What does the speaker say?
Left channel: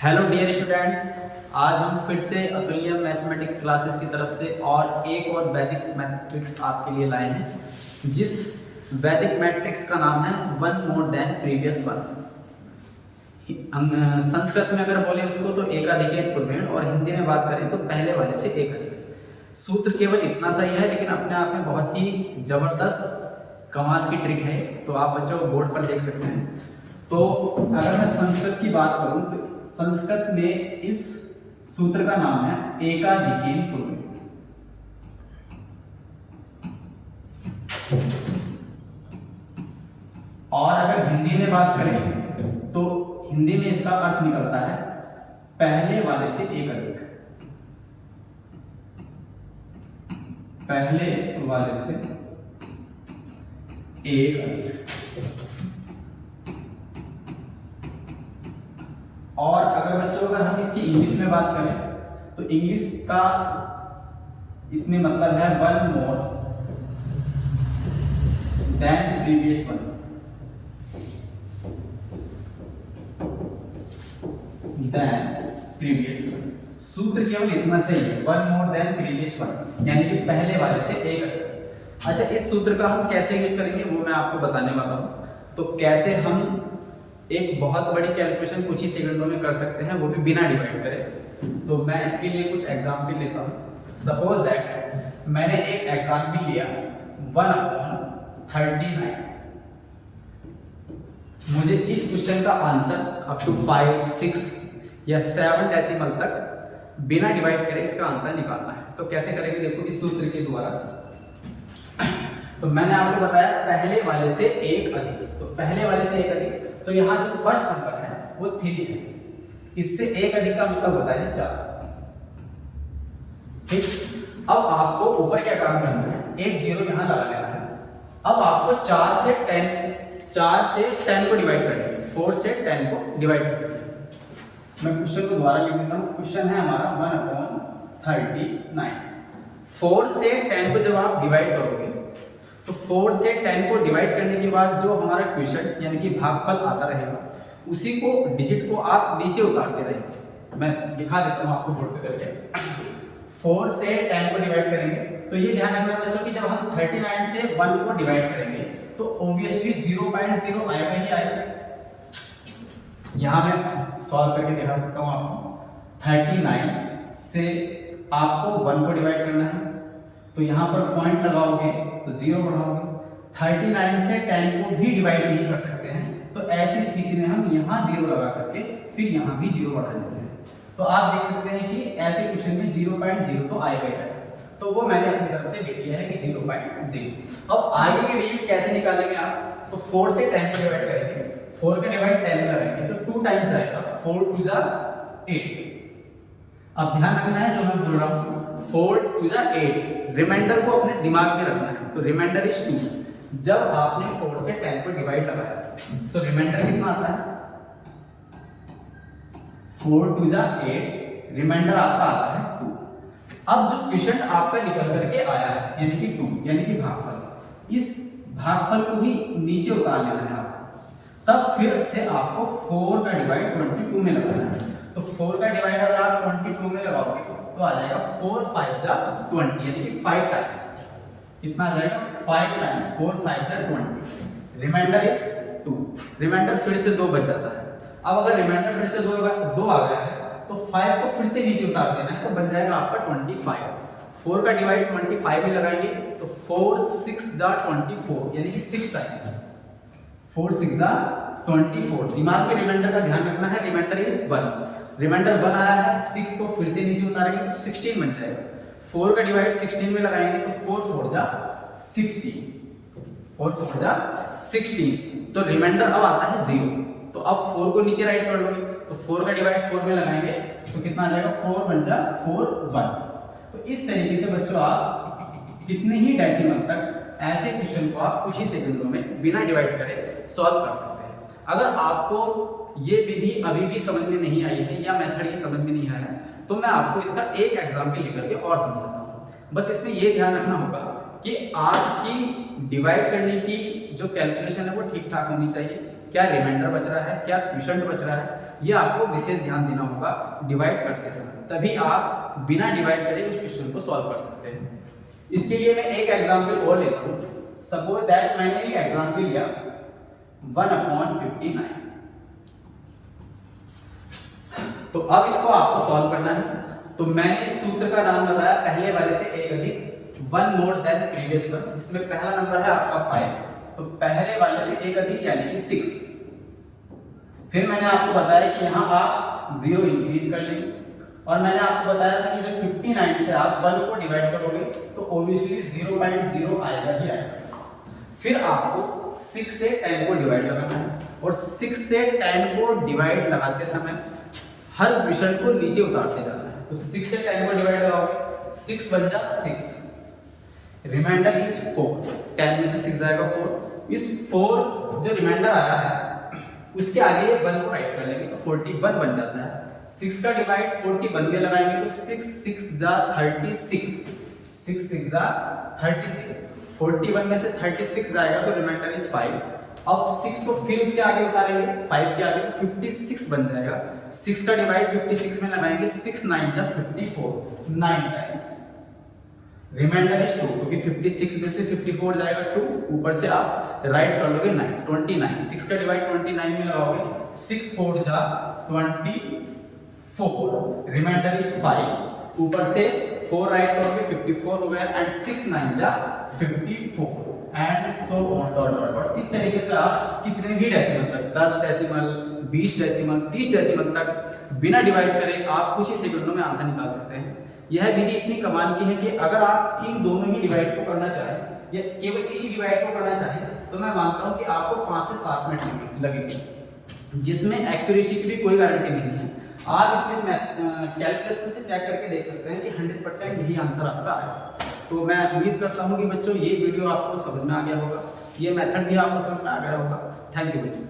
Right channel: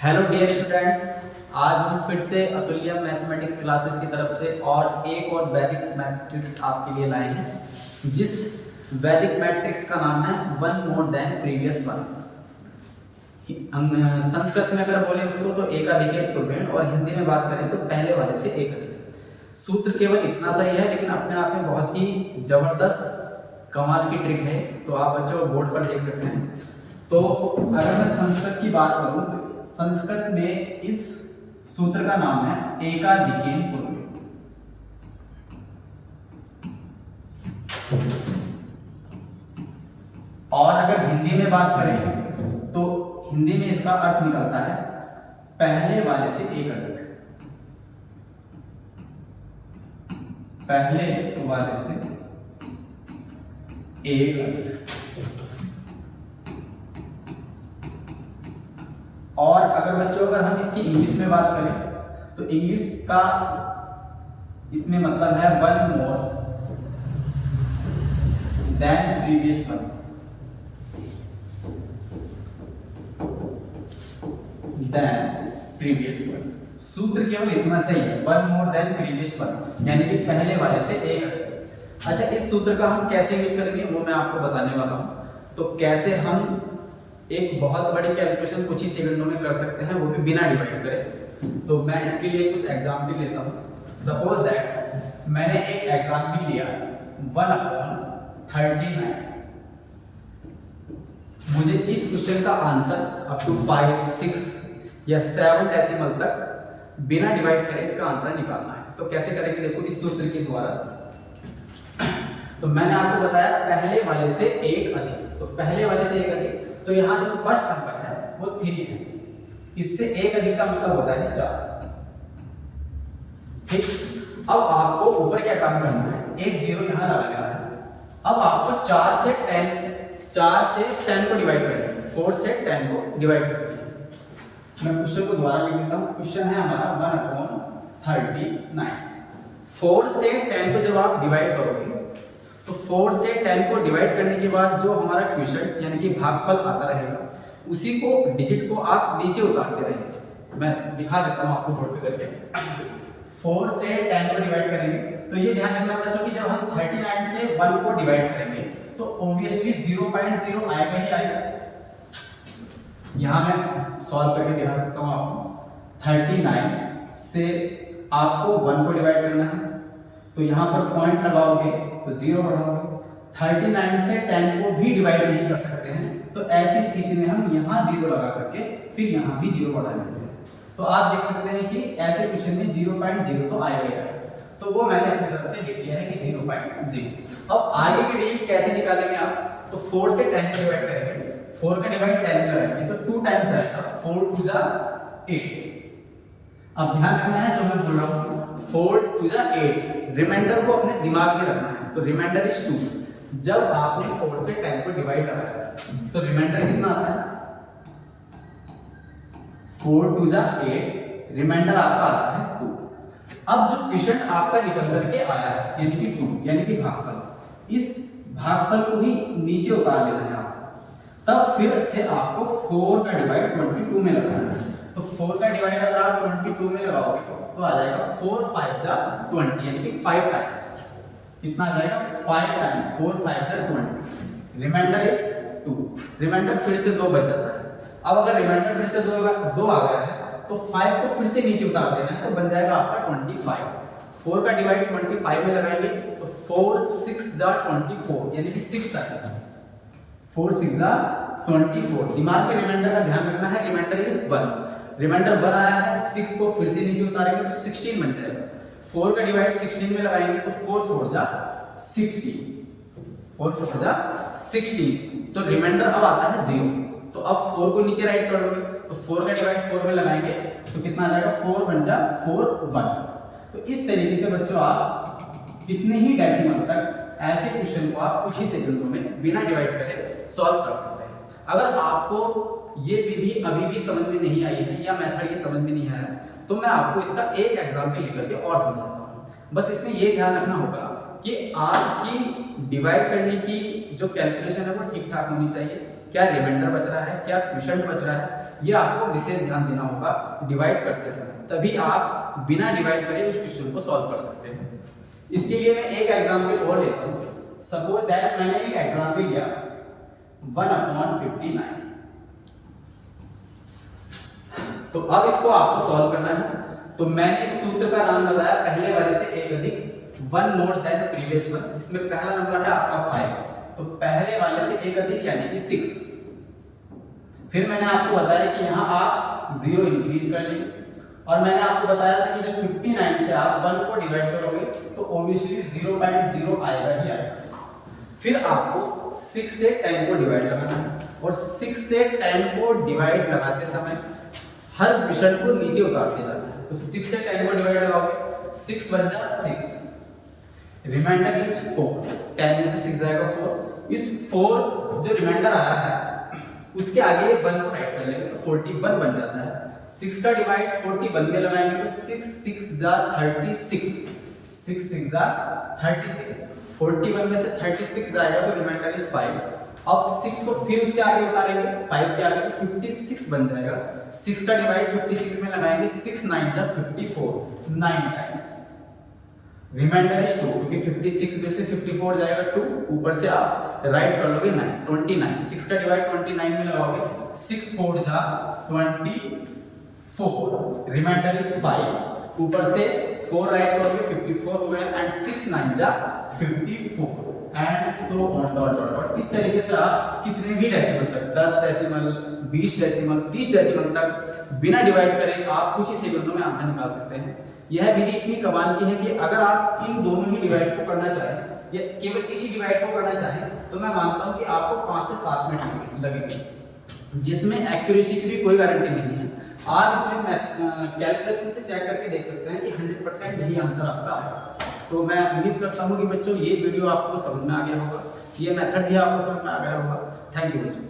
Hello dear students, आज हम फिर से अतुल्य मैथमेटिक्स क्लासेस की तरफ से और एक और वैदिक मैट्रिक्स आपके लिए लाए हैं, जिस वैदिक मैट्रिक्स का नाम है one more than previous one. Sanskrit में अगर बोले उसको तो एकाधिक पूर्वेण, और हिंदी में बात करें तो पहले वाले से एक अधिक। सूत्र केवल इतना सही है, लेकिन अपने आप में बहुत ही जबरदस्त कमाल की ट्रिक है। तो आप बच्चों बोर्ड पर देख सकते हैं। तो अगर मैं संस्कृत की बात करूं तो संस्कृत में इस सूत्र का नाम है एकाधिकेन पूर्वेण। और अगर हिंदी में बात करें तो हिंदी में इसका अर्थ निकलता है पहले वाले से एक अधिक। पहले वाले से एक अधिक। और अगर बच्चों अगर हम इसकी इंग्लिश में बात करें तो इंग्लिश का इसमें मतलब है one more than previous one. Than previous one सूत्र केवल इतना सही है, one more than previous one, यानी कि पहले वाले से एक अधिक। अच्छा, इस सूत्र का हम कैसे यूज करेंगे वो मैं आपको बताने वाला हूं। तो कैसे हम एक बहुत बड़ी कैलकुलेशन कुछ ही सेकंडों में कर सकते हैं, वो भी बिना डिवाइड करे। तो मैं इसके लिए कुछ एग्जाम्पल लेता हूँ। सपोज दैट मैंने एक एग्जाम्पल लिया 1/39। मुझे इस क्वेश्चन का आंसर अप टू 5, 6 या 7 डेसिमल तक बिना डिवाइड करे इसका आंसर निकालना है। तो कैसे करेंगे, देखो इस सूत्र के द्वारा। तो मैंने आपको बताया पहले वाले से एक अधिक। तो पहले वाले से एक अधिक, तो यहाँ जो फर्स्ट नंबर है वो 3 है। इससे एक अधिक का मतलब होता है 4। ठीक, अब आपको ऊपर क्या काम करना है, एक जीरो यहाँ लगा लेना है। अब आपको 4 से 10 को डिवाइड करना है, 4 से 10 को डिवाइड करना है। मैं क्वेश्चन को दोबारा लिख देता हूँ। क्वेश्चन है हमारा 1/39। 4 से 10 को जब आप डिवाइड करोगे तो 4 से 10 को डिवाइड करने के बाद जो हमारा क्वेश्चन यानी कि भागफल आता रहेगा, उसी को डिजिट को आप नीचे उतारते रहेंगे। मैं दिखा देता हूँ आपको बोर्ड पे करके। 4 से 10 को डिवाइड करेंगे तो ये ध्यान रखना बच्चों कि जब हम 39 से 1 को डिवाइड करेंगे तो ऑब्वियसली 0.0 आएगा ही आएगा। यहाँ मैं सॉल्व करके दिखा सकता हूँ आपको। 39 से आपको 1 को डिवाइड करना है, तो यहाँ पर पॉइंट लगाओगे तो 0 बढ़ाओगे। 39 से 10 को भी डिवाइड नहीं कर सकते हैं, तो ऐसी स्थिति में हम यहाँ 0 लगा करके फिर यहाँ भी 0 बढ़ा देते हैं। तो आप देख सकते हैं कि ऐसे क्वेश्चन में 0.0 तो आएगा ही आएगा। तो वो मैंने अपनी तरफ से लिख लिया है कि 0.0। अब आगे की डिजिट कैसे निकालेंगे आप, तो 4 से 10 को डिवाइड करेंगे। 4 का डिवाइड 10 में लगाएंगे तो 2 टाइम्स आएगा, 4 2 जा 8। अब ध्यान रखना है जो मैं बोल रहा हूँ, 4 2 जा 8। रिमाइंडर को अपने दिमाग में रखना है। तो रिमाइंडर इज 2। जब आपने 4 से 10 को डिवाइड लगाया तो रिमाइंडर कितना आता है, 4 2 जा 8। रिमाइंडर आपका आता है 2। अब जो क्वेश्चन आपका निकल करके आया है यानी कि 2, यानी कि भागफल, इस भागफल को ही नीचे उतार लेना है आपको। तब फिर से आपको 4 का डिवाइड 22 में लगाना है। तो 4 का डिवाइड अगर आप 22 में लगाओगे तो आ जाएगा 4 5 जा 20, यानी कि 5 टाइम्स। कितना आ जाएगा, 5 टाइम्स 4 5 जा 20। Reminder is 2। रिमाइंडर फिर से 2 बच जाता है। अब अगर रिमाइंडर फिर से 2 आ गया है तो 5 को फिर से नीचे उतार देना है, तो बन जाएगा आपका 25। 4 का डिवाइड 25 में लगाएंगे तो 4 6 जा 24, यानी कि 6 टाइम्स। 4 6 जा 24। दिमाग में रिमाइंडर का ध्यान रखना है, रिमाइंडर इज 1। रिमाइंडर 1 आया है, 6 को फिर से नीचे उतारेंगे तो 16 बन जाएगा। 4 का डिवाइड 16 में लगाएंगे तो 4 4 जा 16। 4 4 जा 16। तो रिमाइंडर अब आता है 0। तो अब 4 को नीचे राइट कर लोगे तो 4 का डिवाइड 4 में लगाएंगे तो कितना आ जाएगा, 4 1 जा 4 1। तो इस तरीके से बच्चों आप कितने ही डेसिमल तक ऐसे क्वेश्चन को आप कुछ ही सेकंडों में बिना डिवाइड करे सॉल्व कर सकते हैं। अगर आपको ये विधि अभी भी समझ में नहीं आई है या मेथड ये समझ में नहीं आया है तो मैं आपको इसका एक एग्जाम्पल लेकर के और समझाता हूँ। बस इसमें ये ध्यान रखना होगा कि आपकी डिवाइड करने की जो कैलकुलेशन है वो ठीक ठाक होनी चाहिए। क्या रिमाइंडर बच रहा है, क्या क्वोशंट बच रहा है, ये आपको विशेष ध्यान देना होगा डिवाइड करते समय, तभी आप बिना डिवाइड करे उस क्वेश्चन को सॉल्व कर सकते हैं। इसके लिए मैं एक एग्जांपल और लेता हूँ। सपोज दैट मैंने एक एग्जांपल लिया 1/59, तो अब इसको आपको सॉल्व करना है। तो मैंने इस सूत्र का नाम बताया पहले वाले से एक अधिक 1 मोर देन प्रीवियस वन, जिसमें पहला नंबर है आपका 5, तो पहले वाले से एक अधिक यानी कि 6। फिर मैंने आपको बताया कि यहाँ आप 0 इंक्रीज कर लेंगे, और मैंने आपको बताया था कि जब 59 से आप 1 को डिवाइड करोगे तो ऑब्वियसली 0.0 आएगा ही आएगा। फिर आपको 6 से 10 को डिवाइड करना है, और 6 से 10 को डिवाइड लगाते समय हर क्वेश्चन को नीचे उतारते जाना है। तो 6 से 10 को डिवाइड लगाओगे 6 बन जा 6, रिमाइंडर इज 4, 10 में से 6 जाएगा 4। इस 4 जो रिमाइंडर आया है उसके आगे 1 को राइट कर लेंगे तो 41 बन जाता है। 6 का डिवाइड 41 में लगाएंगे तो 6 6 जा 36, 6 6 जा 36, 41 में से 36 जाएगा तो रिमाइंडर इज 5। अब 6 को फिर उसके आगे उतारेंगे 5 के आगे तो 56 बन जाएगा। 6 का डिवाइड 56 में लगाएंगे 6 9 जा 54, 9 टाइम्स, रिमाइंडर इज 2, क्योंकि 56 में से 54 जाएगा 2, ऊपर से आप राइट कर लोगे 9, 29। 6 का डिवाइड 29 में लगाओगे 6 4 जा 24, रिमाइंडर इज 5, ऊपर से 4 राइट करोगे 54 हो गया, एंड 6 9 जा 54, and so on dot dot dot. इस तरीके से आप कितने भी डेसिमल तक 10 डेसिमल 20 डेसिमल 30 डेसिमल तक बिना डिवाइड करे आप कुछ ही सेकंडों में आंसर निकाल सकते हैं। यह विधि इतनी कमाल की है कि अगर आप इन दोनों ही डिवाइड को करना चाहें या केवल इसी डिवाइड को करना चाहें तो मैं मानता हूं कि आपको 5 से 7 मिनट लगेंगे, जिसमें एक्यूरेसी की भी कोई गारंटी नहीं है। आप इसमें कैलकुलेशन से चेक करके देख सकते हैं कि 100% यही आंसर आपका आएगा। तो मैं उम्मीद करता हूं कि बच्चों ये वीडियो आपको समझ में आ गया होगा, ये मेथड भी आपको समझ में आ गया होगा। थैंक यू बच्चों।